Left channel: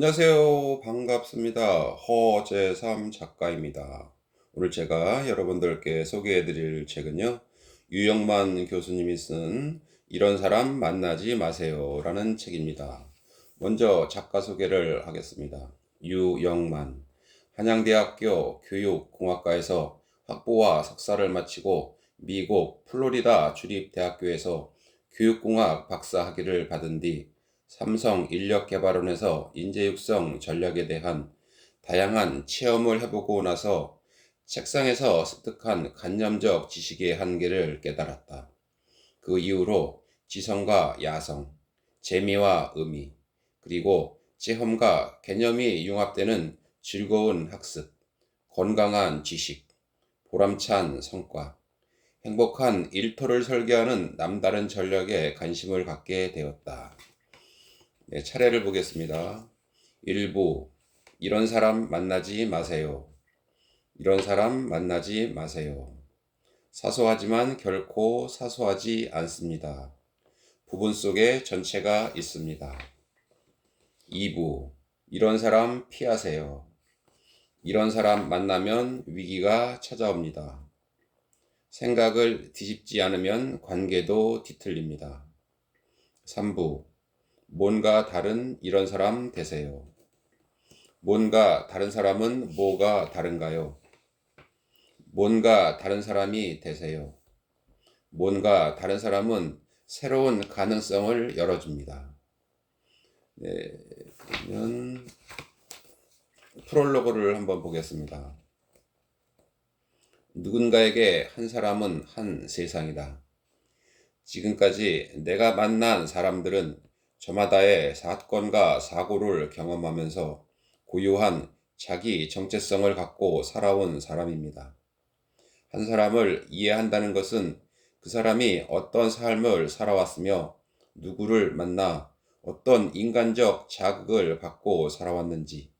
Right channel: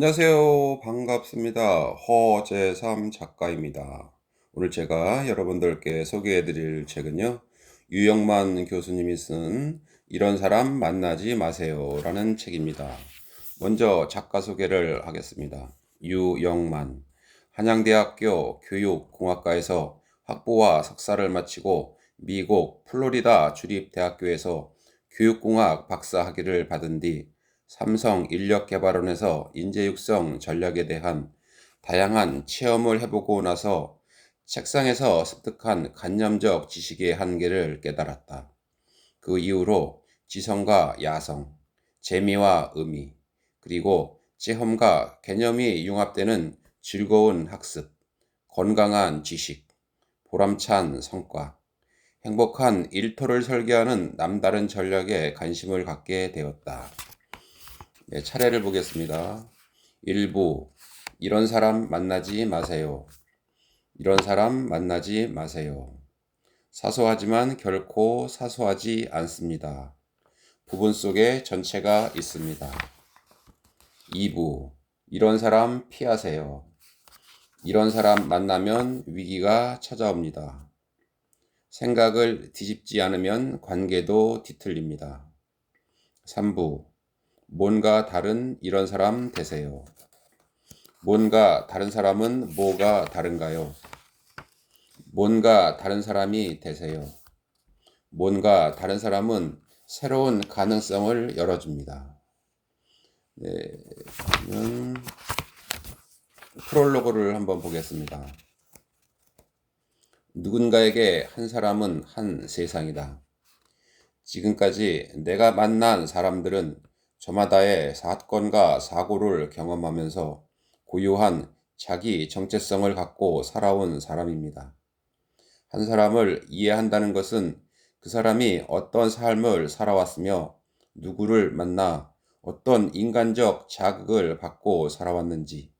안녕하세요. 반갑습니다. 허재삼 작가입니다. 오늘 제가 여러분들께 소개해 드릴 책은요, 유영만 교수님이 쓴 이런 사람 만나지 마세요 라는 책입니다. 먼저 작가 소개를 하겠습니다. 유영만, 한양대학교 교육공학과에서 학부와 석사를 마치고 미국 플로리다 주립대학교에서 교육공학 박사 학위를 받은 뒤 삼성 인력개발원에서 인재육성 전략에 대한 다양한 체험을 해보고 나서 책상에서 습득한 관념적 지식의 한계를 깨달았다. 그 이후로 지성과 야성, 재미와 의미, 그리고 체험과 개념이 융합되는 즐거운 학습, 건강한 지식, 보람찬 성과, 행복한 일터를 설계하는 남다른 전략에 관심을 갖게 되었다. 네, 차례를 보겠습니다. 1부, 이런 사람 만나지 마세요. 이런 사람 만나지 마세요. 사소하지만 결코 사소하지 않습니다. 부분 속에 전체가 있습니다. 2부, 이런 사람 피하세요. 이런 사람 만나면 위기가 찾아옵니다. 생각을 뒤집지 않으면 관계도 뒤틀립니다. 3부, 뭔가 다른 이런 사람 되세요. 뭔가 다른 사람은 뭐가 다른가요? 뭔가 다른 사람이 되세요. 뭔가 다른 사람은 새로운 가능성을 열어줍니다. 네, 그러면 프롤로그를 한번 보겠습니다. 누군가에게 한 사람은 한 세상이다. 지금까지 내가 만난 사람들은 저마다의 사건과 사고를 경험하면서 고유한 자기 정체성을 갖고 살아온 사람입니다. 한 사람을 이해한다는 것은 그 사람이 어떤 삶을 살아왔으며 누구를 만나 어떤 인간적 자극을 받고 살아왔는지,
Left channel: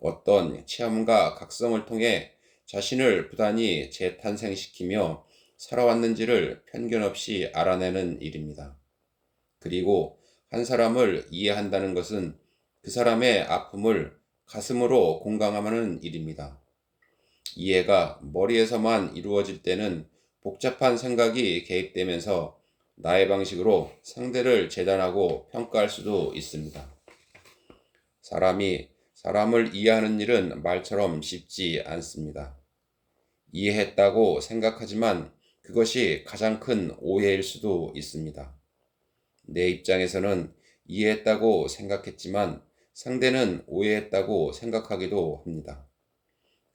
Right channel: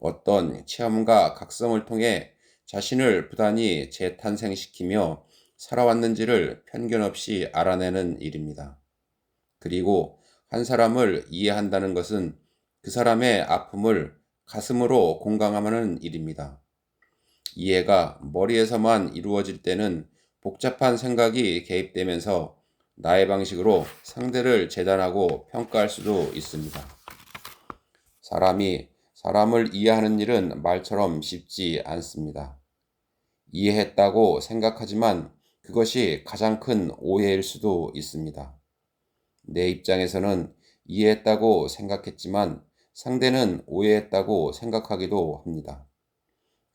어떤 체험과 각성을 통해 자신을 부단히 재탄생시키며 살아왔는지를 편견 없이 알아내는 일입니다. 그리고 한 사람을 이해한다는 것은 그 사람의 아픔을 가슴으로 공감하는 일입니다. 이해가 머리에서만 이루어질 때는 복잡한 생각이 개입되면서 나의 방식으로 상대를 재단하고 평가할 수도 있습니다. 사람이 사람을 이해하는 일은 말처럼 쉽지 않습니다. 이해했다고 생각하지만 그것이 가장 큰 오해일 수도 있습니다. 내 입장에서는 이해했다고 생각했지만 상대는 오해했다고 생각하기도 합니다.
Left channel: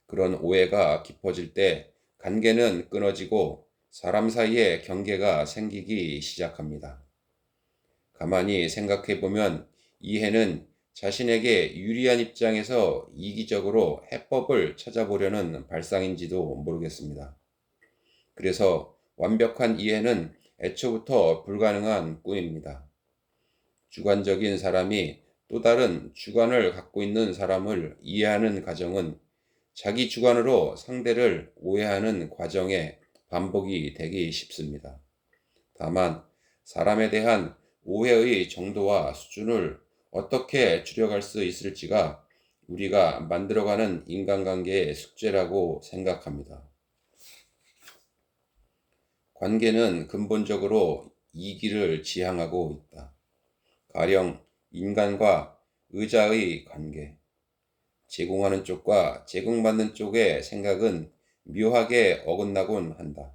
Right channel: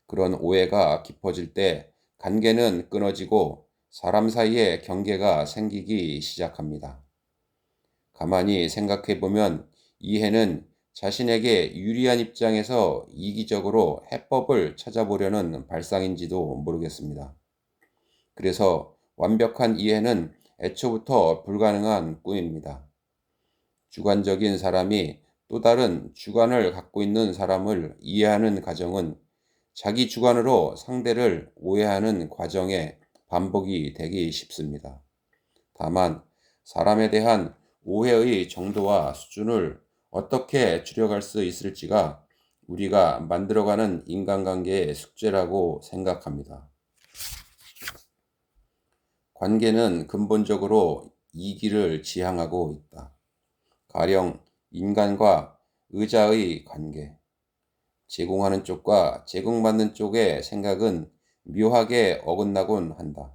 그런 오해가 깊어질 때 관계는 끊어지고 사람 사이에 경계가 생기기 시작합니다. 가만히 생각해 보면 이해는 자신에게 유리한 입장에서 이기적으로 해법을 찾아보려는 발상인지도 모르겠습니다. 그래서 완벽한 이해는 애초부터 불가능한 꿈입니다. 주관적인 사람이 또 다른 주관을 갖고 있는 사람을 이해하는 과정은 자기 주관으로 상대를 오해하는 과정의 반복이 되기 쉽습니다. 다만 사람에 대한 오해의 정도와 수준을 어떻게 줄여갈 수 있을지가 우리가 만들어가는 인간관계의 숙제라고 생각합니다. 관계는 근본적으로 이기를 지향하고 있다. 가령 인간과 의자의 관계, 제공하는 쪽과 제공받는 쪽의 생각은 묘하게 어긋나곤 한다.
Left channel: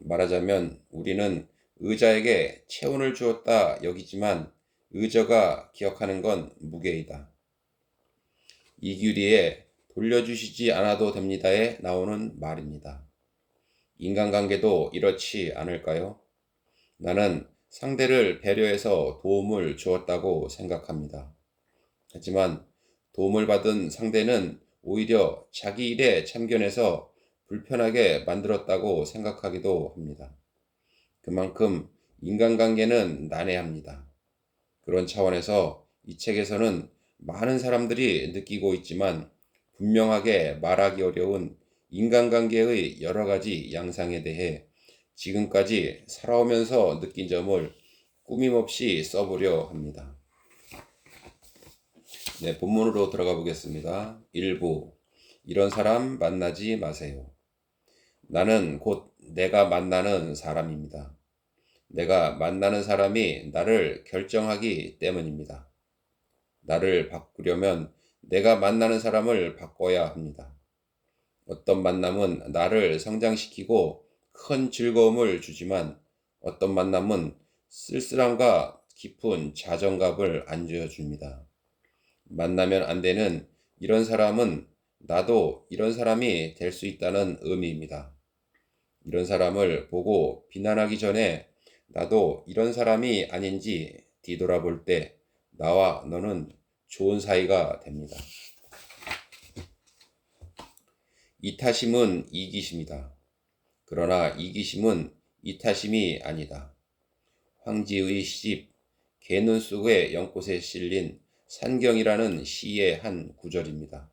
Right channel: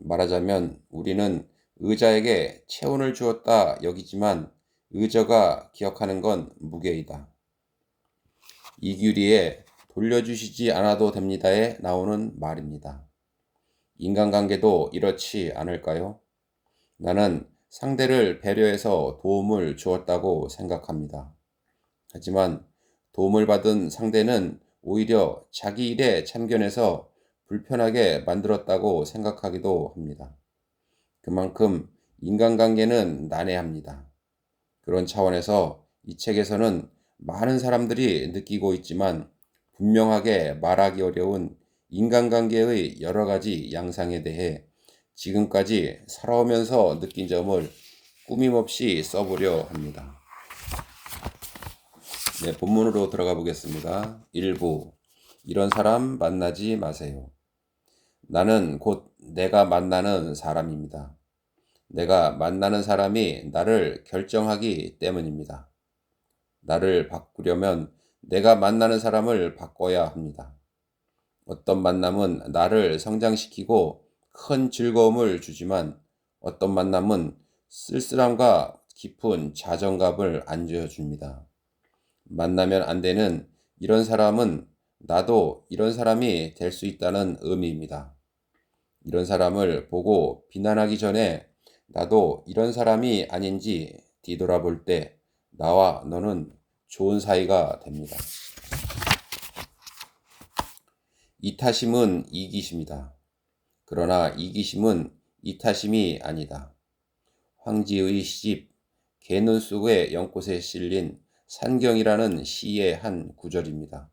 말하자면 우리는 의자에게 체온을 주었다 여기지만 의자가 기억하는 건 무게이다. 이규리의 돌려주시지 않아도 됩니다에 나오는 말입니다. 인간관계도 이렇지 않을까요? 나는 상대를 배려해서 도움을 주었다고 생각합니다. 하지만 도움을 받은 상대는 오히려 자기 일에 참견해서 불편하게 만들었다고 생각하기도 합니다. 그만큼 인간관계는 난해합니다. 그런 차원에서 이 책에서는 많은 사람들이 느끼고 있지만 분명하게 말하기 어려운 인간관계의 여러 가지 양상에 대해 지금까지 살아오면서 느낀 점을 꾸밈없이 써보려 합니다. 네, 본문으로 들어가 보겠습니다. 1부. 이런 사람 만나지 마세요. 나는 곧 내가 만나는 사람입니다. 내가 만나는 사람이 나를 결정하기 때문입니다. 나를 바꾸려면 내가 만나는 사람을 바꿔야 합니다. 어떤 만남은 나를 성장시키고 큰 즐거움을 주지만 어떤 만남은 쓸쓸함과 깊은 자존감을 안겨줍니다. 만나면 안 되는 이런 사람은 나도 이런 사람이 될 수 있다는 의미입니다. 이런 사람을 보고 비난하기 전에 나도 이런 사람이 아닌지 뒤돌아볼 때 나와 너는 좋은 사이가 됩니다. 이타심은 이기심이다. 그러나 이기심은 이타심이 아니다. 황지의 시집 개눈 속의 연꽃에 실린 산경이라는 시의 한 구절입니다.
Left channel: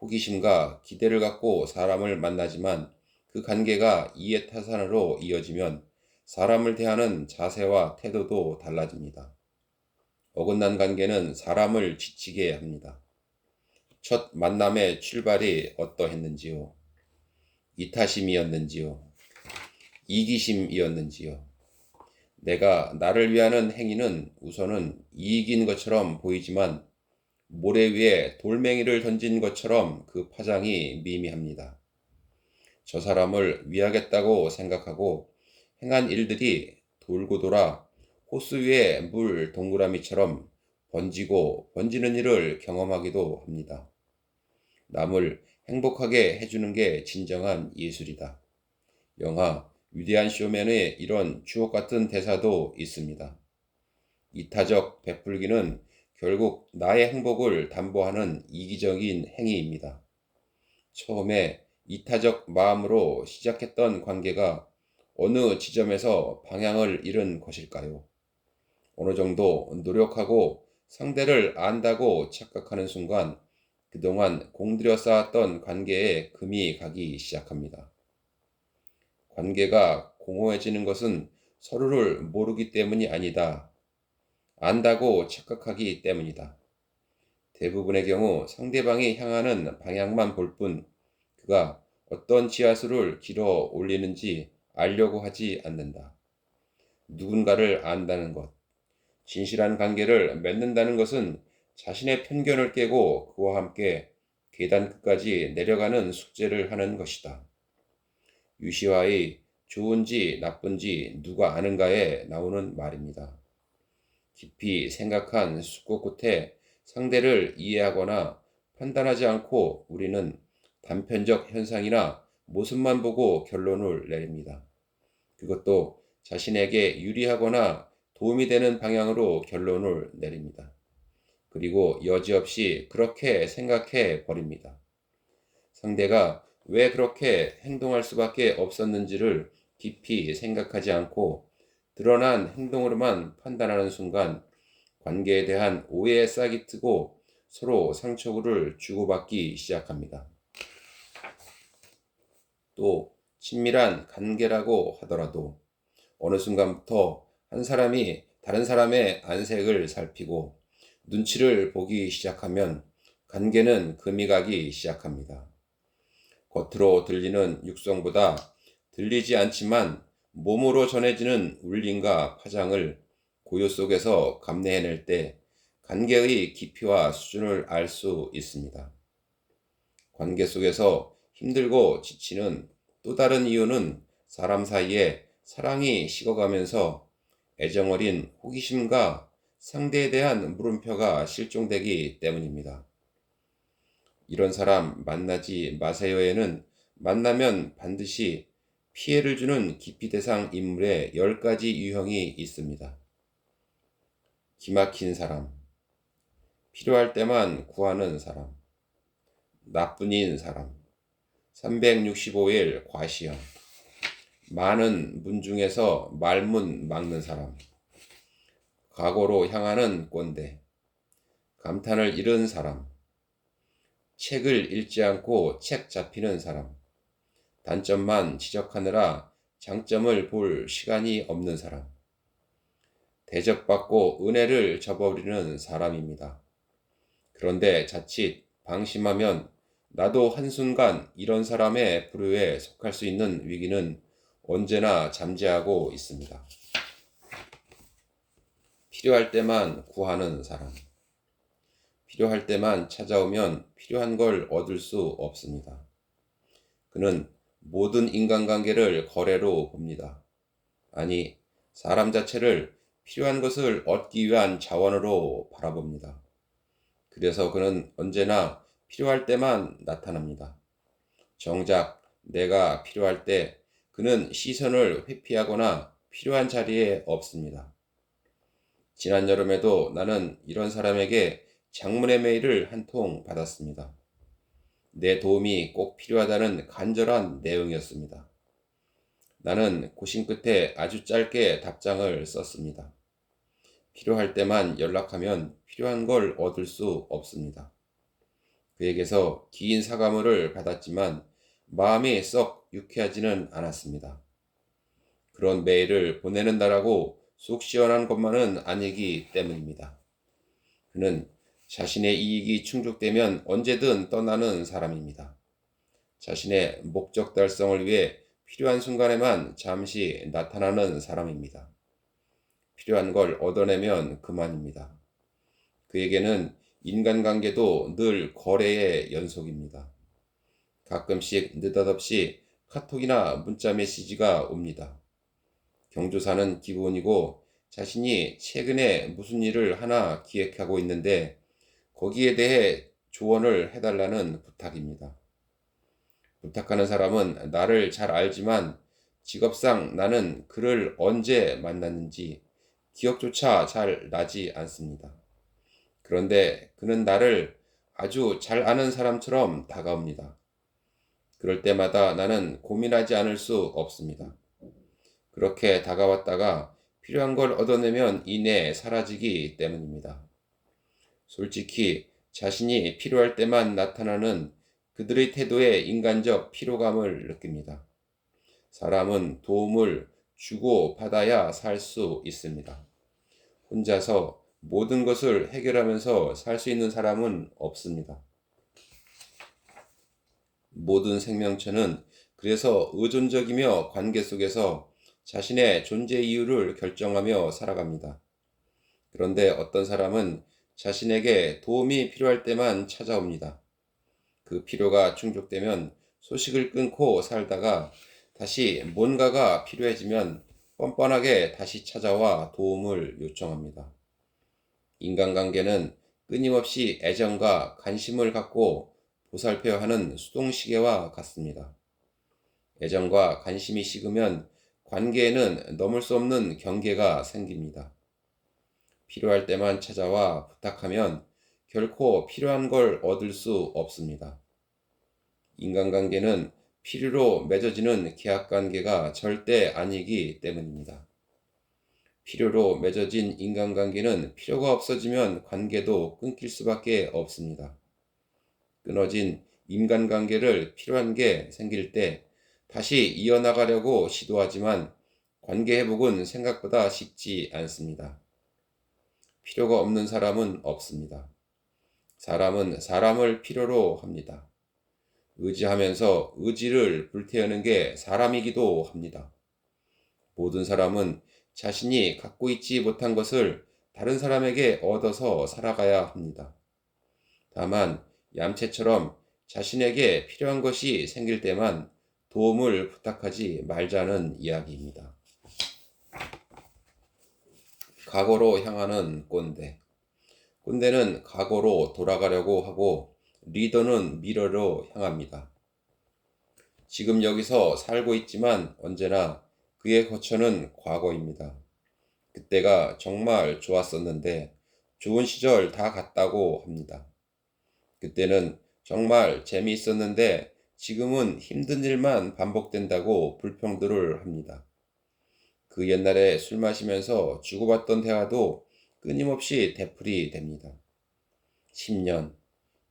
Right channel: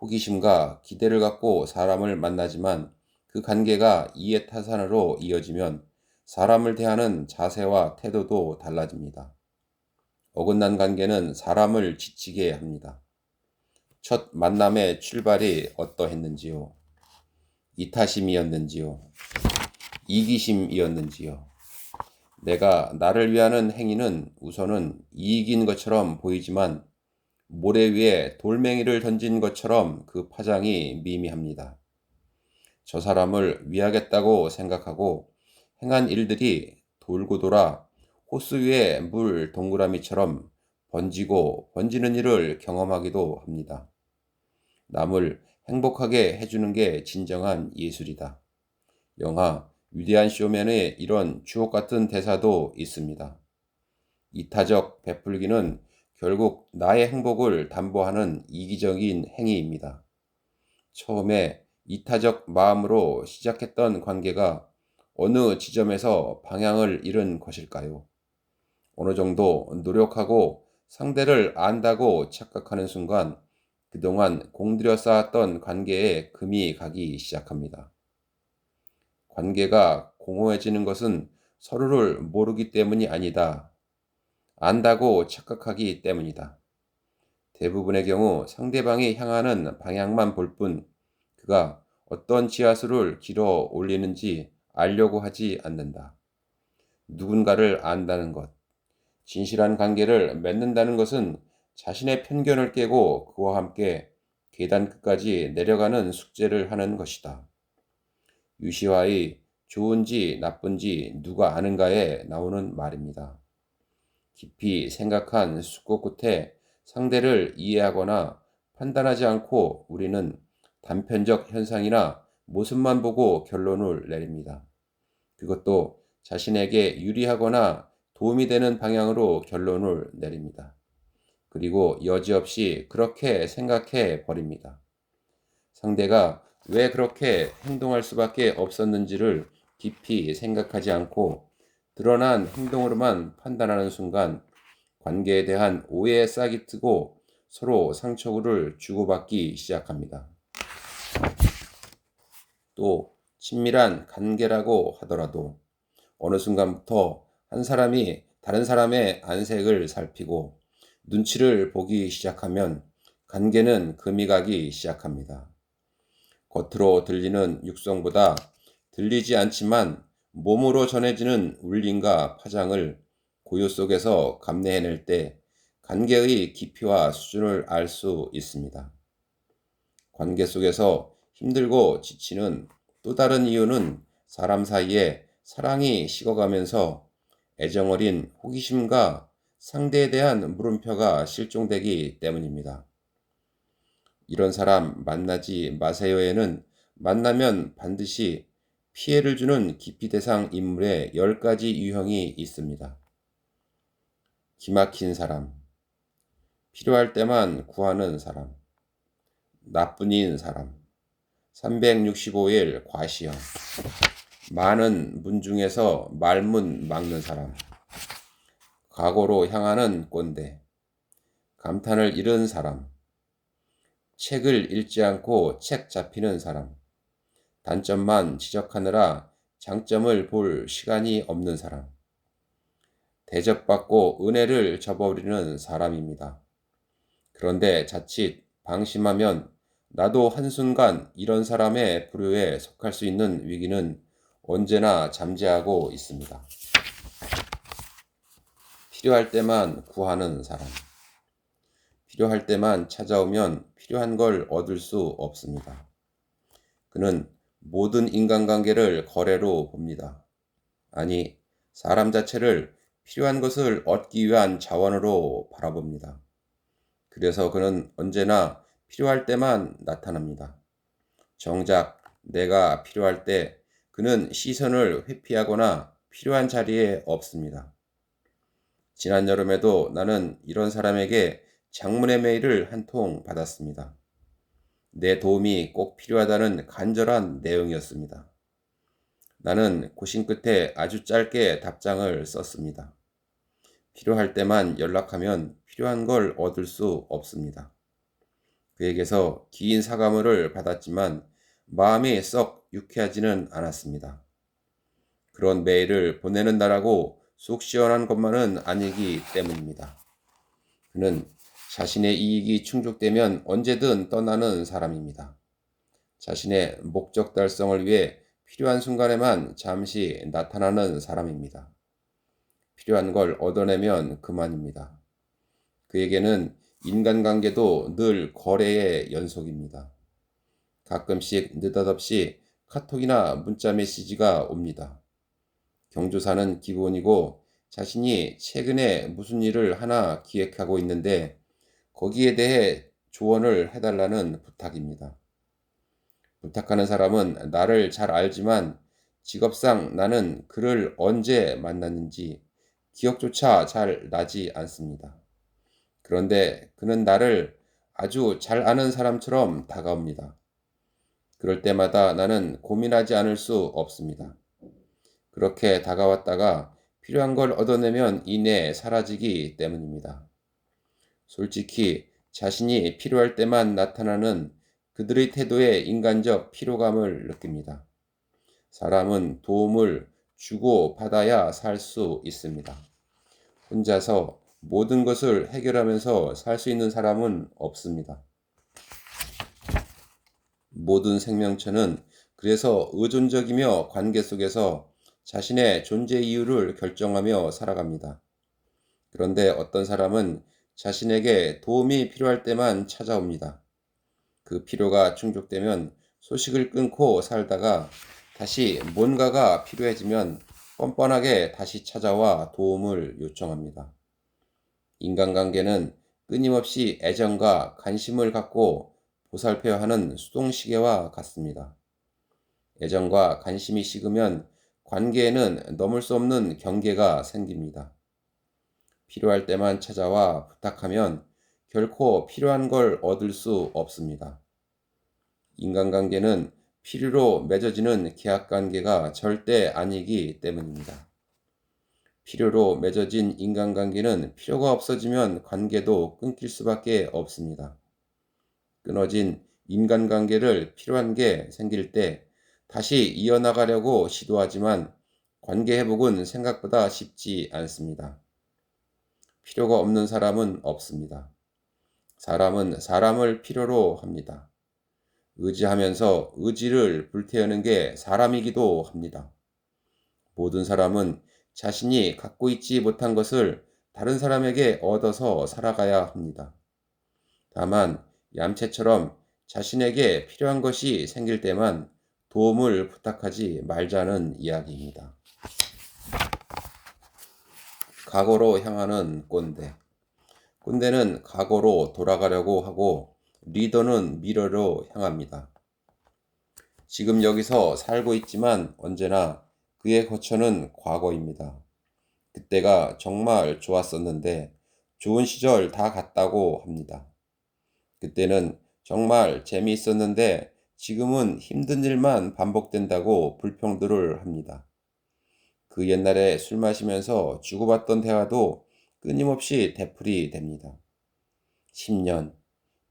호기심과 기대를 갖고 사람을 만나지만 그 관계가 이해타산으로 이어지면 사람을 대하는 자세와 태도도 달라집니다. 어긋난 관계는 사람을 지치게 합니다. 첫 만남의 출발이 어떠했는지요? 이타심이었는지요? 이기심이었는지요? 내가 나를 위하는 행위는 우선은 이익인 것처럼 보이지만 모래 위에 돌멩이를 던진 것처럼 그 파장이 미미합니다. 저 사람을 위하겠다고 생각하고 행한 일들이 돌고 돌아 호수 위에 물 동그라미처럼 번지고 번지는 일을 경험하기도 합니다. 남을 행복하게 해주는 게 진정한 예술이다. 영화 위대한 쇼맨에 이런 주옥 같은 대사도 있습니다. 이타적 베풀기는 결국 나의 행복을 담보하는 이기적인 행위입니다. 처음에 이타적 마음으로 시작했던 관계가 어느 지점에서 방향을 잃은 것일까요? 어느 정도 노력하고 상대를 안다고 착각하는 순간 그동안 공들여 쌓았던 관계에 금이 가기 시작합니다. 관계가 공허해지는 것은 서로를 모르기 때문이 아니다. 안다고 착각하기 때문이다. 대부분의 경우 상대방이 향하는 방향만 볼 뿐 그가 어떤 지하수를 길어 올리는지 알려고 하지 않는다. 누군가를 안다는 것, 진실한 관계를 맺는다는 것은 자신의 편견을 깨고 그와 함께 계단 끝까지 내려가는 숙제를 하는 것이다. 유시와의 좋은지 나쁜지 누가 아는가에 나오는 말입니다. 깊이 생각한 숙고 끝에 상대를 이해하거나 판단하지 않고 우리는 단편적 현상이나 모습만 보고 결론을 내립니다. 그것도 자신에게 유리하거나 도움이 되는 방향으로 결론을 내립니다. 그리고 여지없이 그렇게 생각해 버립니다. 상대가 왜 그렇게 행동할 수밖에 없었는지를 깊이 생각하지 않고 드러난 행동으로만 판단하는 순간 관계에 대한 오해에 싹이 트고 서로 상처를 주고받기 시작합니다. 또 친밀한 관계라고 하더라도 어느 순간부터 한 사람이 다른 사람의 안색을 살피고 눈치를 보기 시작하면 관계는 금이 가기 시작합니다. 겉으로 들리는 육성보다 들리지 않지만 몸으로 전해지는 울림과 파장을 고요 속에서 감내해낼 때 관계의 깊이와 수준을 알 수 있습니다. 관계 속에서 힘들고 지치는 또 다른 이유는 사람 사이에 사랑이 식어가면서 애정어린 호기심과 상대에 대한 물음표가 실종되기 때문입니다. 이런 사람 만나지 마세요에는 만나면 반드시 피해를 주는 기피 대상 인물의 10가지 유형이 있습니다. 기막힌 사람, 필요할 때만 구하는 사람, 나뿐인 사람, 365일 과시형, 많은 문 중에서 말문 막는 사람, 과거로 향하는 꼰대, 감탄을 잃은 사람, 책을 읽지 않고 책 잡히는 사람, 단점만 지적하느라 장점을 볼 시간이 없는 사람, 대접받고 은혜를 저버리는 사람입니다. 그런데 자칫 방심하면 나도 한순간 이런 사람의 부류에 속할 수 있는 위기는 언제나 잠재하고 있습니다. 필요할 때만 구하는 사람. 필요할 때만 찾아오면 필요한 걸 얻을 수 없습니다. 그는 모든 인간관계를 거래로 봅니다. 아니, 사람 자체를 필요한 것을 얻기 위한 자원으로 바라봅니다. 그래서 그는 언제나 필요할 때만 나타납니다. 정작 내가 필요할 때 그는 시선을 회피하거나 필요한 자리에 없습니다. 지난 여름에도 나는 이런 사람에게 장문의 메일을 한 통 받았습니다. 내 도움이 꼭 필요하다는 간절한 내용이었습니다. 나는 고심 끝에 아주 짧게 답장을 썼습니다. 필요할 때만 연락하면 필요한 걸 얻을 수 없습니다. 그에게서 긴 사과문을 받았지만 마음이 썩 유쾌하지는 않았습니다. 그런 메일을 보내는다라고 속 시원한 것만은 아니기 때문입니다. 그는 자신의 이익이 충족되면 언제든 떠나는 사람입니다. 자신의 목적 달성을 위해 필요한 순간에만 잠시 나타나는 사람입니다. 필요한 걸 얻어내면 그만입니다. 그에게는 인간관계도 늘 거래의 연속입니다. 가끔씩 느닷없이 카톡이나 문자 메시지가 옵니다. 경조사는 기본이고 자신이 최근에 무슨 일을 하나 기획하고 있는데 거기에 대해 조언을 해달라는 부탁입니다. 부탁하는 사람은 나를 잘 알지만 직업상 나는 그를 언제 만났는지 기억조차 잘 나지 않습니다. 그런데 그는 나를 아주 잘 아는 사람처럼 다가옵니다. 그럴 때마다 나는 고민하지 않을 수 없습니다. 그렇게 다가왔다가 필요한 걸 얻어내면 이내 사라지기 때문입니다. 솔직히 자신이 필요할 때만 나타나는 그들의 태도에 인간적 피로감을 느낍니다. 사람은 도움을 주고 받아야 살 수 있습니다. 혼자서 모든 것을 해결하면서 살 수 있는 사람은 없습니다. 모든 생명체는 그래서 의존적이며 관계 속에서 자신의 존재 이유를 결정하며 살아갑니다. 그런데 어떤 사람은 자신에게 도움이 필요할 때만 찾아옵니다. 그 필요가 충족되면 소식을 끊고 살다가 다시 뭔가가 필요해지면 뻔뻔하게 다시 찾아와 도움을 요청합니다. 인간관계는 끊임없이 애정과 관심을 갖고 보살펴야 하는 수동시계와 같습니다. 애정과 관심이 식으면 관계에는 넘을 수 없는 경계가 생깁니다. 필요할 때만 찾아와 부탁하면 결코 필요한 걸 얻을 수 없습니다. 인간관계는 필요로 맺어지는 계약관계가 절대 아니기 때문입니다. 필요로 맺어진 인간관계는 필요가 없어지면 관계도 끊길 수밖에 없습니다. 끊어진 인간관계를 필요한 게 생길 때 다시 이어나가려고 시도하지만 관계 회복은 생각보다 쉽지 않습니다. 필요가 없는 사람은 없습니다. 사람은 사람을 필요로 합니다. 의지하면서 의지를 불태우는 게 사람이기도 합니다. 모든 사람은 자신이 갖고 있지 못한 것을 다른 사람에게 얻어서 살아가야 합니다. 다만 얌체처럼 자신에게 필요한 것이 생길 때만 도움을 부탁하지 말자는 이야기입니다. 과거로 향하는 꼰대. 꼰대는 과거로 돌아가려고 하고 리더는 미래로 향합니다. 지금 여기서 살고 있지만 언제나 그의 거처는 과거입니다. 그때가 정말 좋았었는데 좋은 시절 다 갔다고 합니다. 그때는 정말 재미있었는데 지금은 힘든 일만 반복된다고 불평들을 합니다. 그 옛날에 술 마시면서 주고받던 대화도 끊임없이 되풀이 됩니다. 10년,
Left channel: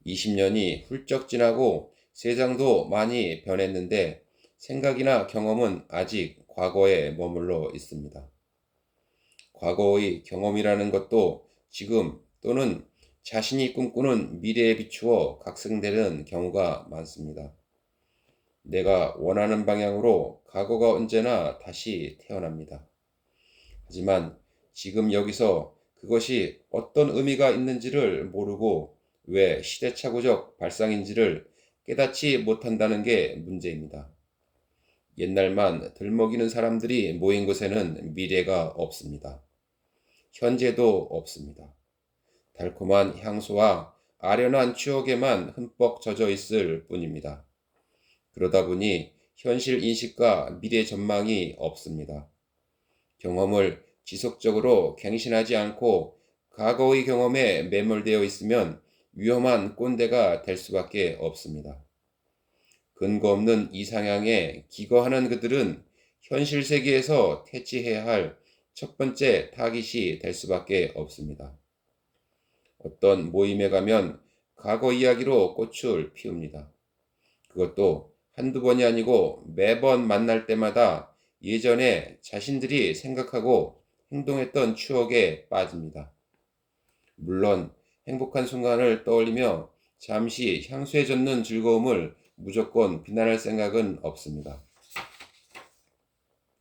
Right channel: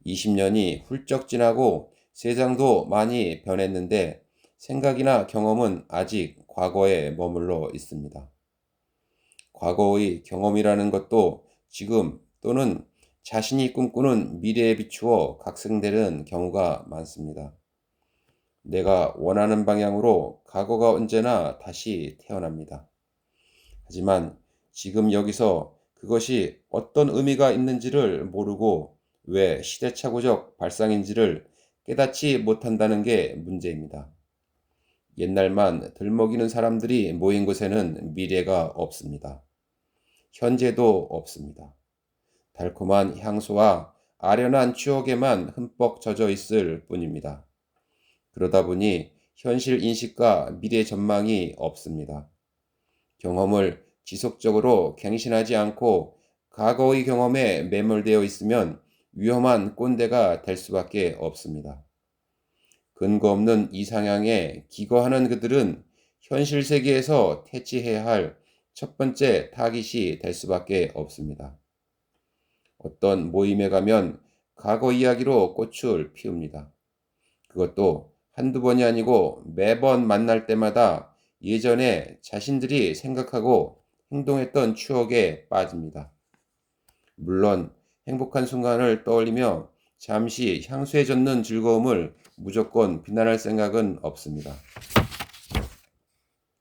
20년이 훌쩍 지나고 세상도 많이 변했는데 생각이나 경험은 아직 과거에 머물러 있습니다. 과거의 경험이라는 것도 지금 또는 자신이 꿈꾸는 미래에 비추어 각성되는 경우가 많습니다. 내가 원하는 방향으로 과거가 언제나 다시 태어납니다. 하지만 지금 여기서 그것이 어떤 의미가 있는지를 모르고 왜 시대착오적 발상인지를 깨닫지 못한다는 게 문제입니다. 옛날만 들먹이는 사람들이 모인 곳에는 미래가 없습니다. 현재도 없습니다. 달콤한 향수와 아련한 추억에만 흠뻑 젖어 있을 뿐입니다. 그러다 보니 현실 인식과 미래 전망이 없습니다. 경험을 지속적으로 갱신하지 않고 과거의 경험에 매몰되어 있으면 위험한 꼰대가 될 수밖에 없습니다. 근거 없는 이상향에 기거하는 그들은 현실 세계에서 퇴치해야 할 첫 번째 타깃이 될 수밖에 없습니다. 어떤 모임에 가면 과거 이야기로 꽃을 피웁니다. 그것도 한두 번이 아니고 매번 만날 때마다 예전에 자신들이 생각하고 행동했던 추억에 빠집니다. 물론 행복한 순간을 떠올리며 잠시 향수에 젖는 즐거움을 무조건 비난할 생각은 없습니다.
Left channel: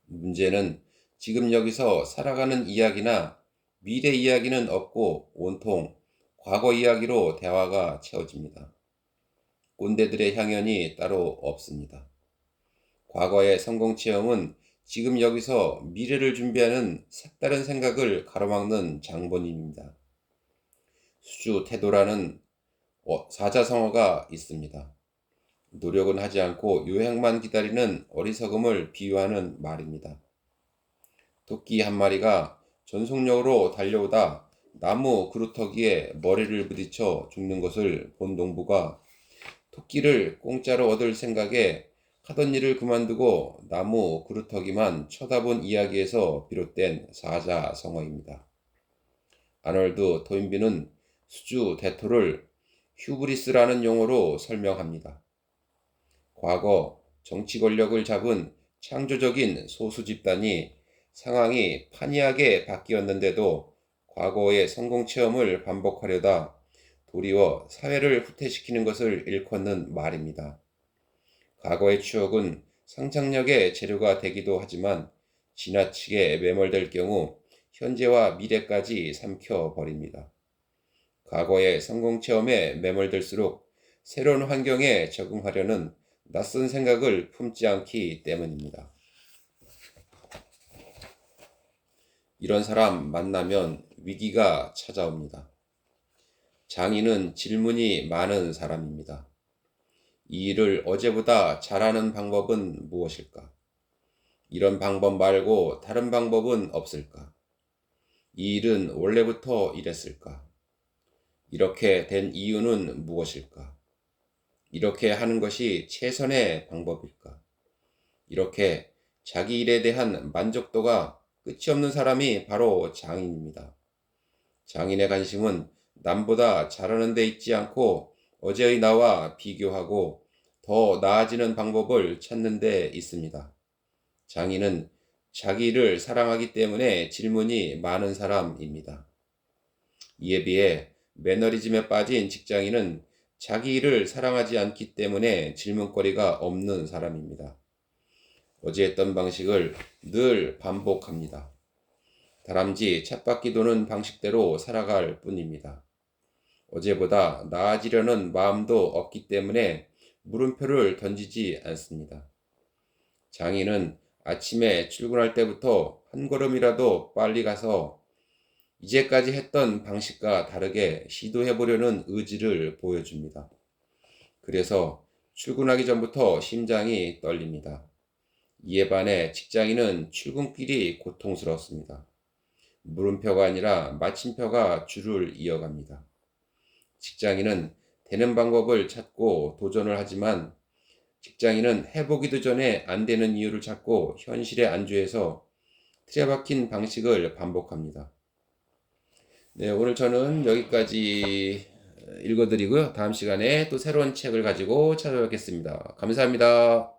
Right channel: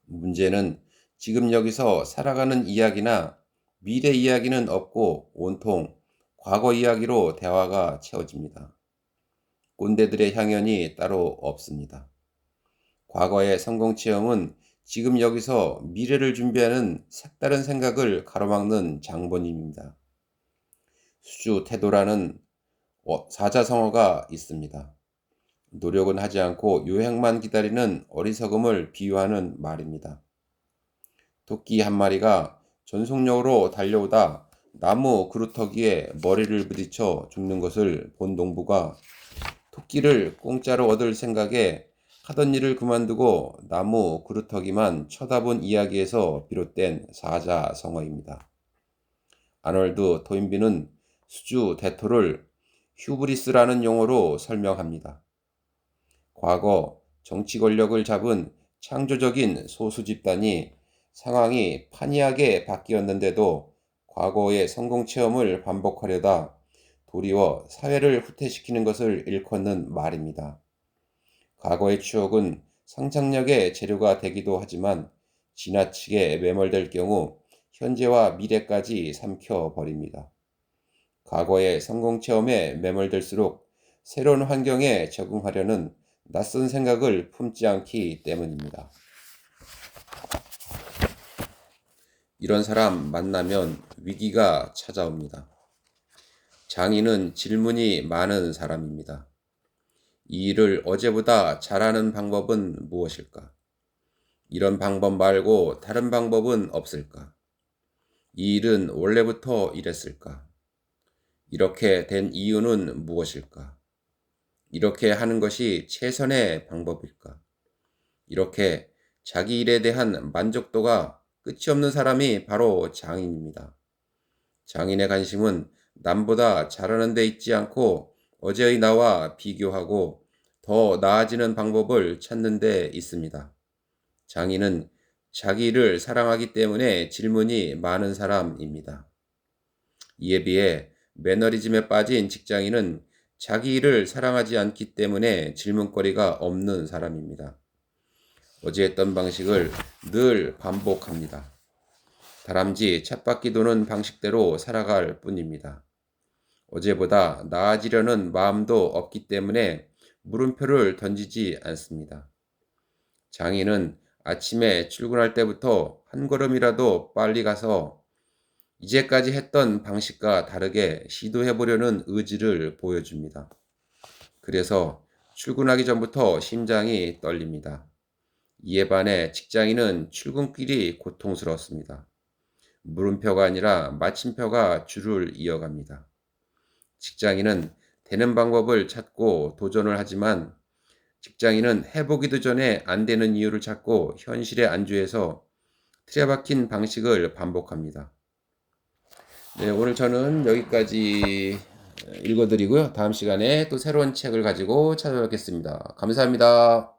문제는 지금 여기서 살아가는 이야기나 미래 이야기는 없고 온통 과거 이야기로 대화가 채워집니다. 꼰대들의 향연이 따로 없습니다. 과거의 성공 체험은 지금 여기서 미래를 준비하는 색다른 생각을 가로막는 장본인입니다. 수주 태도라는 사자성어가 있습니다. 노력은 하지 않고 요행만 기다리는 어리석음을 비유하는 말입니다. 토끼 한 마리가 전속력으로 달려오다 나무 그루터기에 머리를 부딪혀 죽는 것을 본 농부가 토끼를 공짜로 얻을 생각에 하던 일을 그만두고 나무 그루터기만 쳐다본 이야기에서 비롯된 사자성어입니다. 아놀드 토인비는 수주 대토를 휴브리스라는 용어로 설명합니다. 과거 정치 권력을 잡은 창조적인 소수 집단이 상황이 판이하게 바뀌었는데도 과거의 성공 체험을 반복하려다 도리어 사회를 후퇴시키는 것을 일컫는 말입니다. 과거의 추억은 상상력의 재료가 되기도 하지만 지나치게 매몰될 경우 현재와 미래까지 삼켜버립니다. 과거의 성공 체험에 매몰될수록 새로운 환경에 적응하려는 낯선 생각을 품지 않기 때문입니다. 이런 사람 만나면 위기가 찾아옵니다. 장인은 질문이 많은 사람입니다. 이 일을 어제보다 잘하는 방법은 무엇일까? 이런 방법 말고 다른 방법은 없을까? 이 일은 원래부터 이랬을까? 이렇게 된 이유는 무엇일까? 이렇게 하는 것이 최선의 방법일까? 이렇게 자기 일에 대한 만족도가 끝이 없는 사람이 바로 장인입니다. 장인의 관심은 남보다 잘하는 데 있지 않고 어제의 나와 비교하고 더 나아지는 방법을 찾는 데 있습니다. 장인은 자기 일을 사랑하기 때문에 질문이 많은 사람입니다. 이에 비해 매너리즘에 빠진 직장인은 자기 일을 사랑하지 않기 때문에 질문거리가 없는 사람입니다. 어제 했던 방식을 늘 반복합니다. 다람쥐 쳇바퀴 도는 방식대로 살아갈 뿐입니다. 어제보다 나아지려는 마음도 없기 때문에 물음표를 던지지 않습니다. 장인은 아침에 출근할 때부터 한 걸음이라도 빨리 가서 이제까지 했던 방식과 다르게 시도해보려는 의지를 보여줍니다. 그래서 출근하기 전부터 심장이 떨립니다. 이에 반해 직장인은 출근길이 고통스럽습니다. 물음표가 아니라 마침표가 줄을 이어갑니다. 직장인은 되는 방법을 찾고 도전을 하지만 직장인은 해보기도 전에 안 되는 이유를 찾고 현실에 안주해서 틀에 박힌 방식을 반복합니다. 네, 오늘 저는 여기까지 읽어드리고요. 다음 시간에 또 새로운 책을 가지고 찾아뵙겠습니다. 감사합니다.